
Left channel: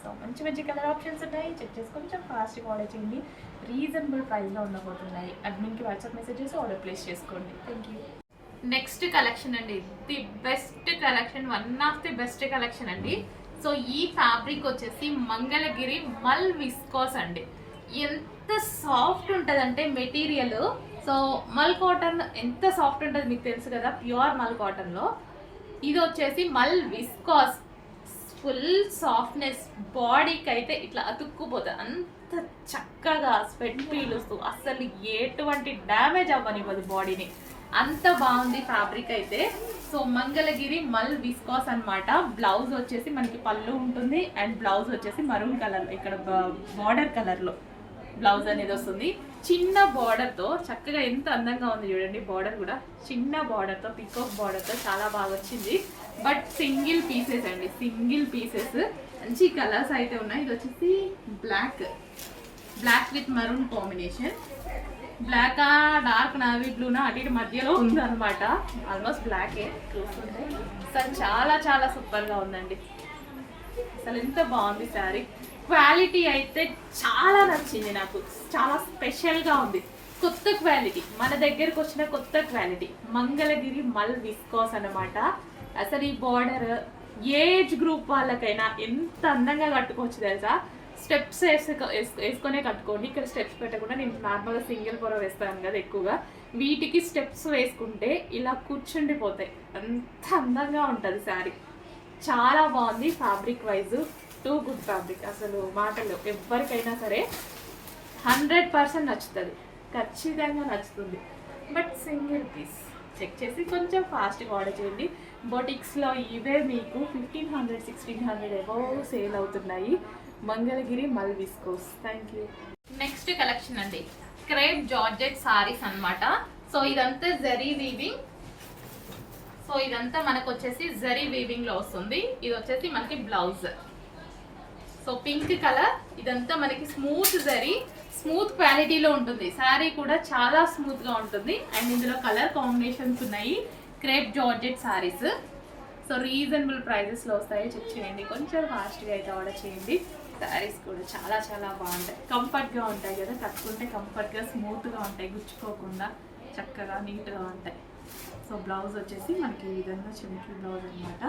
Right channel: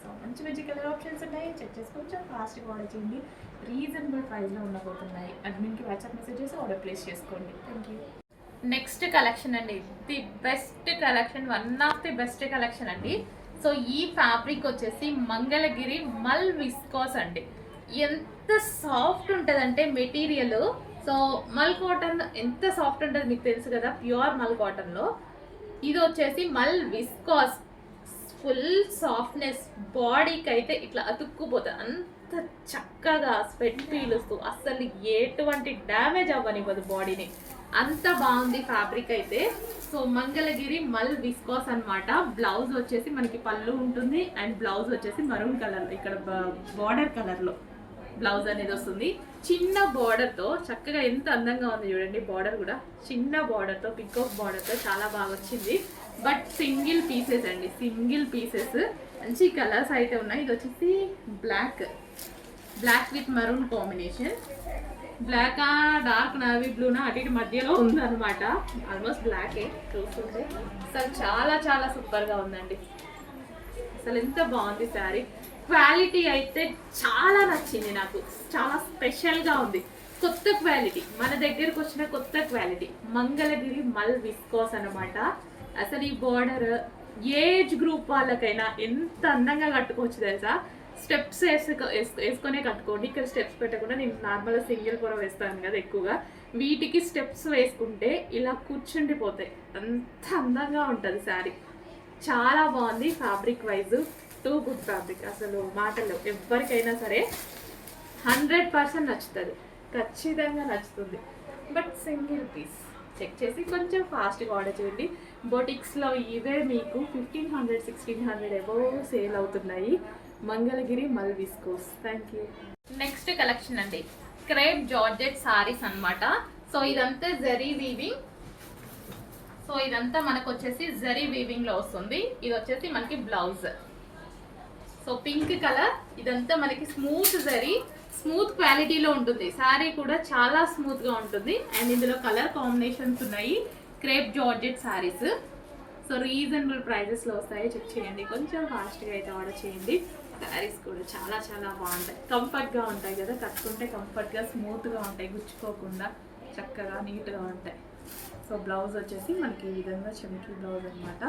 సో మంచి మంచి కలర్ ఆప్షన్స్ ఉన్నాయి. చెక్ చేసి కొంచెం ఫాస్ట్గా ఆర్డర్ చేయండి. రీజనబుల్ ప్రైస్లో ఉండబోతున్నాయి. అడ్మిన్కి వాట్సాప్ మెసేజ్ చేసి ఆర్డర్ ప్లేస్ చేసుకోండి. Thank you. నెక్స్ట్ కలెక్షన్ అండి, the best collection, one of the best collection అండి. సో ఈ ఫ్యాబ్రిక్ వచ్చేసి మంగళగిరి మల్ విస్కోస్ అండి. ఎంత సాఫ్ట్ ఉంటుందంటే మెటీరియల్. సో మల్ కాటన్ ఎంత సాఫ్ట్ ఉంటుంది మీకు తెలుసు కదా, ప్యూర్ మల్ కాటన్లో. ఇది వచ్చేసి మల్ విస్కోస్, ఫుల్ సాఫ్ట్నెస్, బాడీకి అయితే ఇట్లా అతుక్కుపోతుంది. అంత చక్కగా స్వెట్ పీలుస్తూ అస్సలు ఎటువంటి డ్యామేజ్ అవ్వనివ్వదు బాడీని, అంత బాగుంది ఫ్యాబ్రిక్ అయితే. సో మంగళగిరి మల్ విస్కోస్ అనమాట. బ్లౌజ్ వచ్చేసి మనకి పళ్ళు ఉంటుంది అండ్ బ్లౌజ్ వచ్చేసి మరూన్ కలర్, ఇక్కడ బార్డర్ కలర్లో బ్లౌజ్ అనేది వస్తుంది. చిన్న బార్డర్ తో చక్కగా ఎంత అందంగా ఉంది చూడండి. బార్డర్ కూడా చిన్న బార్డర్ తో, పికాక్ బార్డర్ తో చాలా బాగా వచ్చింది. బట్ సింగిల్ పీసెస్ అండి, సింగిల్ పీసెస్. మంచి కలర్స్ అయితే ఉన్నాయి. ఇది వచ్చేసి black with maroon combination. Black dark navy బ్లూనా అటు ఇటు మధ్యలో ఉందన్నమాట. ఆల్మోస్ట్ బ్లాకే చూస్తుంటే అసలు చాలా చాలా సూపర్గా ఉందండి. అసలు ఎంత బాగుంది శారీ. క్వాలిటీ అయితే చాలా నచ్చింది నాకు. చాలా స్పెషల్గా ఉంది. కొత్త క్వాలిటీ, మన దగ్గరకు వచ్చిన కొత్త క్వాలిటీ. మంగళగిరి మల్ విస్కోస్ అనమాట. అసలు ఈ బార్డర్ ఏజ్ గ్రూప్ వాళ్ళకైనా ఎంత అందంగా కట్టుకోవచ్చు తెలుసా. స్టెప్స్ వేసుకొనే కట్టుకోండి. ఇక్కడ స్టెప్స్ పెట్టకుండా, నేను నార్మల్గా సింగిల్ పొర వేస్తాను కదా ఎక్కువగా, వీటికి స్టెప్స్ వేసుకుంటే ఇలా కూర్చుండిపోతాయి. అంత అందంగా ఉంటుంది శారీ. చాలా బాగుంది. Fabric wise too good fabric. అసలు మాటలు ఎవరికైనా సరే 100% నచ్చుతుంది, ఖచ్చితంగా నచ్చుతుంది. బట్ సింగిల్ పీస్ చెక్ చేసి కొంచెం ఫాస్ట్గా ఆర్డర్ చేయండి. బొటిక్స్లో ఇవే మీకు 1500, 1600 అబౌవ్ సేల్ అవుతున్నాయి. మంగళగిరి మల్ viscose. Thank you. Next collection అండి, క్రేప్ జార్జెట్ సారీస్ అన్నమాట. సో ఇదంతా జరీ వీవింగ్. సో ఇదంతా మనకు వచ్చేసి జరీ వీవింగ్ లో వస్తుంది. ఇది వచ్చేసి మనకి బ్లౌజ్. So pink colour. ఇదంతా మనకి స్మూత్ జరీ, స్మూత్ క్వాలిటీలో ఉంటుంది. శారీ కూడా చాలా స్మూత్ గా ఉంటుంది. అండ్ ఇందులో కలర్ కాంబినేషన్స్ ఉన్నాయి. Crepe georgette saris. So reasonable prices లో వస్తాయి. చెక్ చేయండి, కొంచెం ఫాస్ట్గా అయితే ఆర్డర్ చేయండి. శారీస్ కూడా చాలా చాలా బాగుంటాయి. కంఫర్ట్గా ఉంటాయి కదా, కట్టుకుంటే కంఫర్ట్గా స్మూత్గా ఉంటాయి, గుచ్చుకోకుండా చక్కగా నీట్గా ఉంటాయి. సో బ్లౌజ్ వచ్చేసి మనకి ఈ విధంగా చెంకి బ్లౌజ్ అనమాట.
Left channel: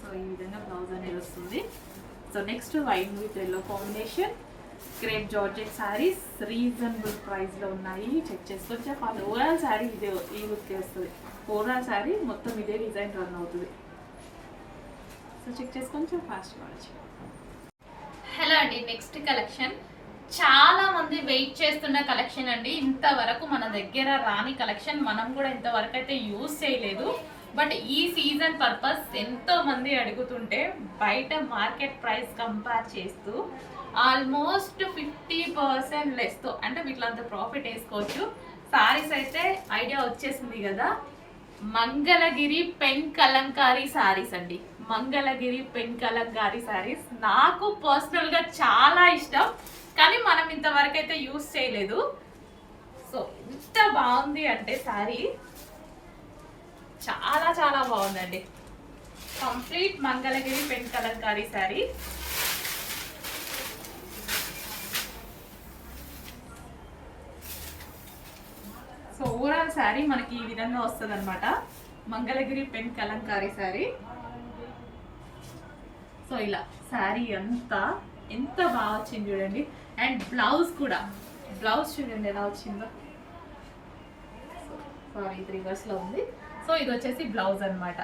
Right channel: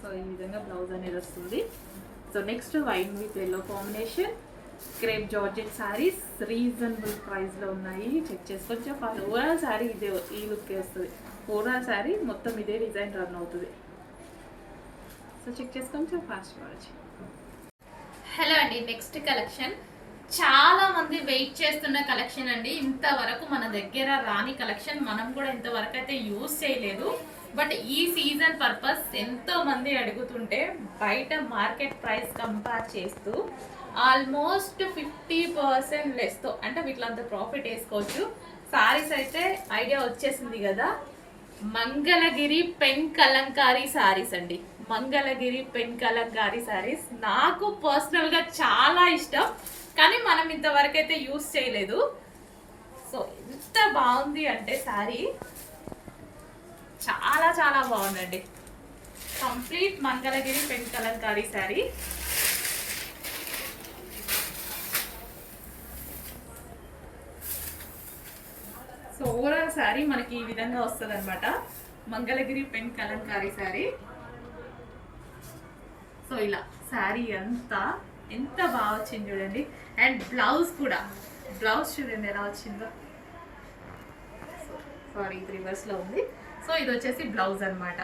సో ఈ విధంగా బ్లౌజ్ అనేది వస్తుంది. So next wine with yellow combination crepe georgette saris reasonable ప్రైస్లో ఉన్నాయి. చెక్ చేసుకొని చెప్పాలి. ఓవరాల్ శారీ ఇదే, ఈ లుక్కి వస్తుంది. ఓవరాల్ శారీ మొత్తం ఇదే డిజైన్ రన్ అవుతుంది. సో చెక్ చేసుకొని ఫాస్ట్ వాచ్. హలో అండి, నెక్స్ట్ కలెక్షన్ చాలా మంది వెయిట్ చేస్తున్న కలెక్షన్ అండి. ఇంతవరకు మన దగ్గర రాని కలెక్షన్, మనం కూడా ఇంతవరకు అయితే యూజ్ చేయలేదు. బట్ ఈ సీజన్ పర్పస్ ఎంతో మంది అడుగుతుంటే బయట మార్కెట్ ప్రైస్ కంపేర్ చేస్తూ ఆల్మోస్ట్ 50% లెస్తో, అంటే వీటిలంతా ప్రాఫిట్ వేసుకోవచ్చు. సారీస్ అయితే ఐడియా వచ్చేసింది కదా. మంగళగిరి పెన్ కలంకారీ సారీస్ అండి. మంగళగిరి పెన్ కలంకారీ సారీస్ నాకు పర్సనల్గా చాలా ఇష్టం, కానీ మనం ఇంతవరకు అయితే యూజ్ చేయలేదు. సో ఎంత బాగుంది అంటే శారీ చాలా చాలా బాగుందండి. Complete Mangalagiri pen Kalamkari sari. So overall sari మనకి ఈ విధంగా వస్తుంది అనమాట. మంగళగిరి పెన్ కలంకారీ శారీ. సో ఇలా శారీ అంతా ఎంత బాగా వచ్చింది చూడండి. అండ్ బ్లౌజ్ కూడా, బ్లౌజ్ చూడండి ఎలా వచ్చిందో. సారీ, ఇది రివర్స్లో ఉంది. సో ఇది వచ్చేసి బ్లౌజ్ అనమాట.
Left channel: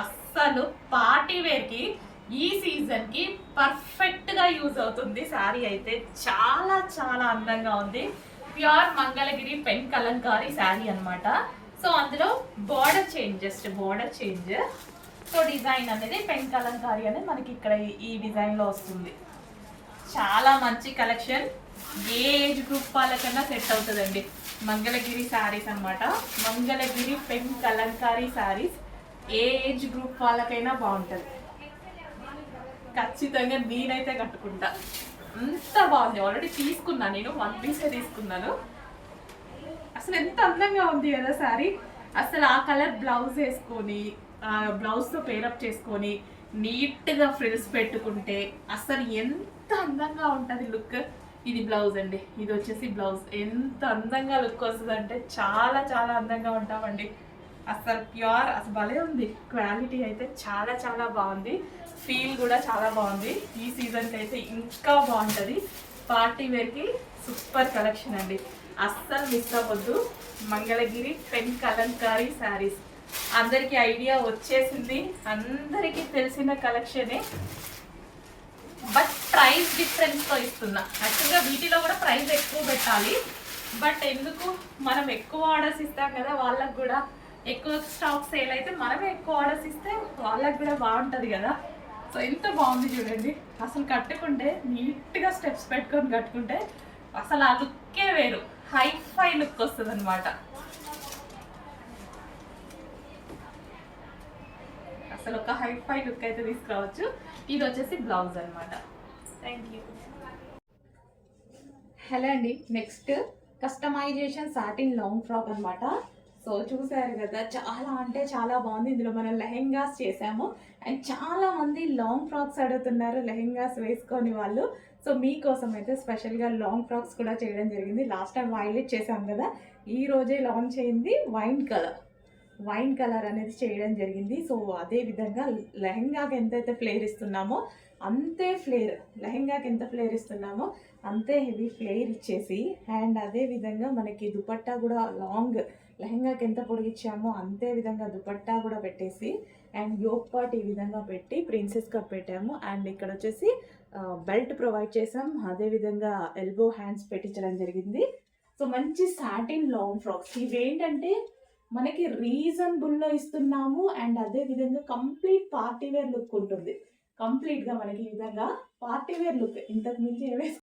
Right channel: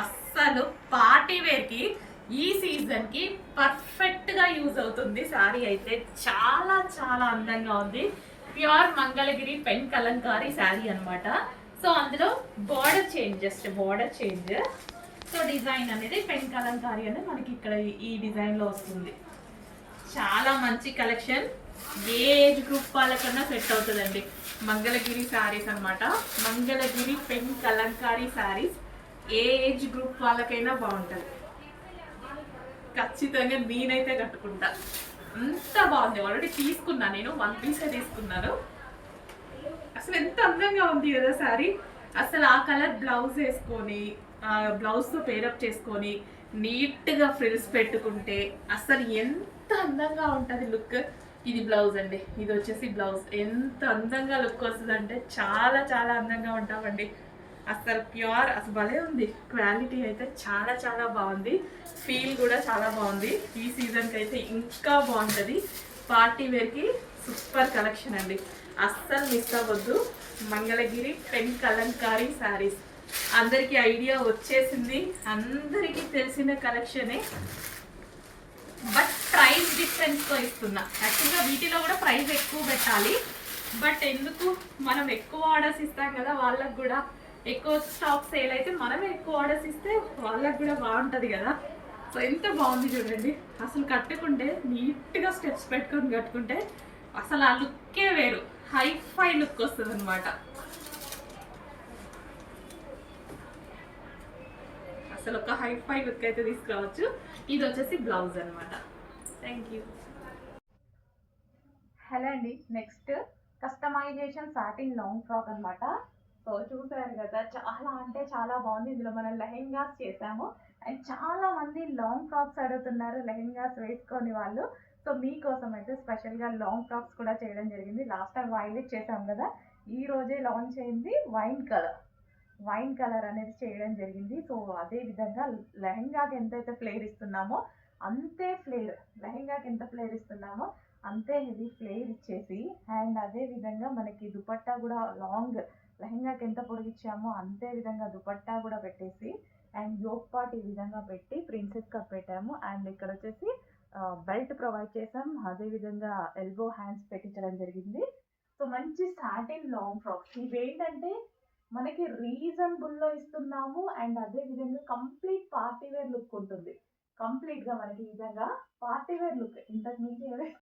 అస్సలు పార్టీ వేర్కి ఈ సీజన్కి పర్ఫెక్ట్గా యూజ్ అవుతుంది. శారీ అయితే చాలా చాలా అందంగా ఉంది. ప్యూర్ మంగళగిరి పెన్ కలంకారీ శారీ అనమాట. సో అందులో border change, just border change. So design అనేది పెన్ కలంకారీ అనేది మనకి ఇక్కడ ఈ డిజైన్లో వస్తుంది. చాలా మంచి కలెక్షన్. ఏజ్ గ్రూప్ వాళ్ళకన్నా సెట్ అవుతుందండి. మంగళగిరి శారీస్ అనమాట. Mangalagiri pen Kalamkari saris age group వాళ్ళకైనా బాగుంటుంది. ఖచ్చితంగా నేనైతే కట్టుకుంటా. అంత బాగుంది. ఆల్రెడీ తీసుకున్నాను, నేను 1 పీసే తీసుకున్నాను. అసలు ఎంత అందంగా ఉంది కదా శారీ. అసలు ఆ కలర్ బ్లౌజ్ వేసుకొని, బ్లౌజ్తో పేరప్ చేసుకొని నీట్గా ఫ్రిల్స్ పెట్టుకుంటే అసలు ఎంత అందంగా ఉంటుంది లుక్. ఇది బ్లౌజ్ అండి. ఇది వచ్చేసి బ్లౌజ్. ఎంత అందంగా లుక్ వస్తుంది అంటే చాలా చాలా అందంగా ఉంటామండి. అసలు ప్యూర్, అసలు భలే ఉంది. క్వాలిటీ అయితే చాలా చాలా బాగుంది. ఫీల్ కూడా చాలా బాగుంది. ఈ సీజన్కి అయితే ఇంకా బాగుంటుంది. పార్టీ వేర్కి సూపర్ కలెక్షన్ అండి. అస్సలు మిస్ అవ్వద్దు. మంగళగిరి పెన్ కలంకారీ శారీస్ అందరికీ ఐడియా వచ్చేసింది, అందరికీ తెలిసిన కలెక్షనే. బట్ ప్రైస్ డిఫరెన్స్తో ఇస్తున్నా. యాక్చువల్గా వీటిలో కూడా ప్రైస్ ఎక్కువ పెట్టాలి. బట్ ఎందుకు, మనం ఎక్కువ ఆర్డర్స్ ఇస్తాం కదా, వాళ్ళకు కూడా ఎక్కువ స్టాక్ సేల్ అయితే మనమే ఎక్కువ ఆర్డర్స్ ఇస్తే వాళ్ళకు కూడా బాగుంటుంది కదా. సో ఎంత బాగుంది చూడండి. అసలు కట్టుకుంటే నీట్గా స్టెప్స్ పెట్టుకొని కట్టుకుంటే అసలు ఆ లుక్కే వేరు, హైఫై లుక్ వస్తుంది అనమాట. అసలు ఒక హైఫై లుక్ అయితే తీసుకురావచ్చు. ఇది వచ్చేసి బ్లౌజ్ అనమాట. Thank you. హలో అండి, next customization satin long frock అనమాట. సో చూసారు కదా, చాలా అంటే చాలా బాగుంది. ఇందులో మనం లెహెంగాస్ చేసాము అండ్ చాలా మంది లాంగ్ ఫ్రాక్స్ అడుగుతున్నారు లెహెంగాస్ వేసుకొని వాళ్ళు. సో మీకోసం అయితే స్పెషల్గా లాంగ్ ఫ్రాక్స్ కూడా చేయడం జరిగింది. లాస్ట్ టైం వైలెట్ చేసాం కదా, ఈ రోజే లాంచ్ అయింది వైన్ కలర్ అనేది చేయడం జరిగింది. సో అదే విధంగా లెహెంగాకి ఎంతైతే ఫ్లేర్ ఇస్తున్నామో అంతే ఫ్లేర్, లెహెంగాకి ఎంత ఫ్లేర్ ఇస్తున్నామో అంతే హెవీ ఫ్లేర్ ఇచ్చేసి, అండ్ అదే విధంగా మనకి దుపట్టా కూడా లాంగ్, లెహెంగాకి ఎంత పొడిగిచ్చామో అంతే విధంగా దుపట్టా కూడా పెట్టేసి, అండ్ యోక్ పార్ట్ ఈ విధంగా పెట్టి ప్రిన్సెస్ కట్ పెట్టాము. అండ్ ఇక్కడ వచ్చేసి బెల్ట్ ప్రొవైడ్ చేసాం, అదేవిధంగా ఎల్బో హ్యాండ్స్ పెట్టించడం జరిగింది. సో మంచి సాటిన్ లాంగ్ ఫ్రాక్స్ ఇవేంటంటే మనకి రీజనబుల్లో ఇస్తున్నాము. అండ్ అదే విధంగా కంప్లీట్ పార్టీ వేర్ లుక్ ఉంటుంది. కంప్లీట్గా మనకి ఈ విధంగా పార్టీ వేర్ లుక్, ఇంతకు మించి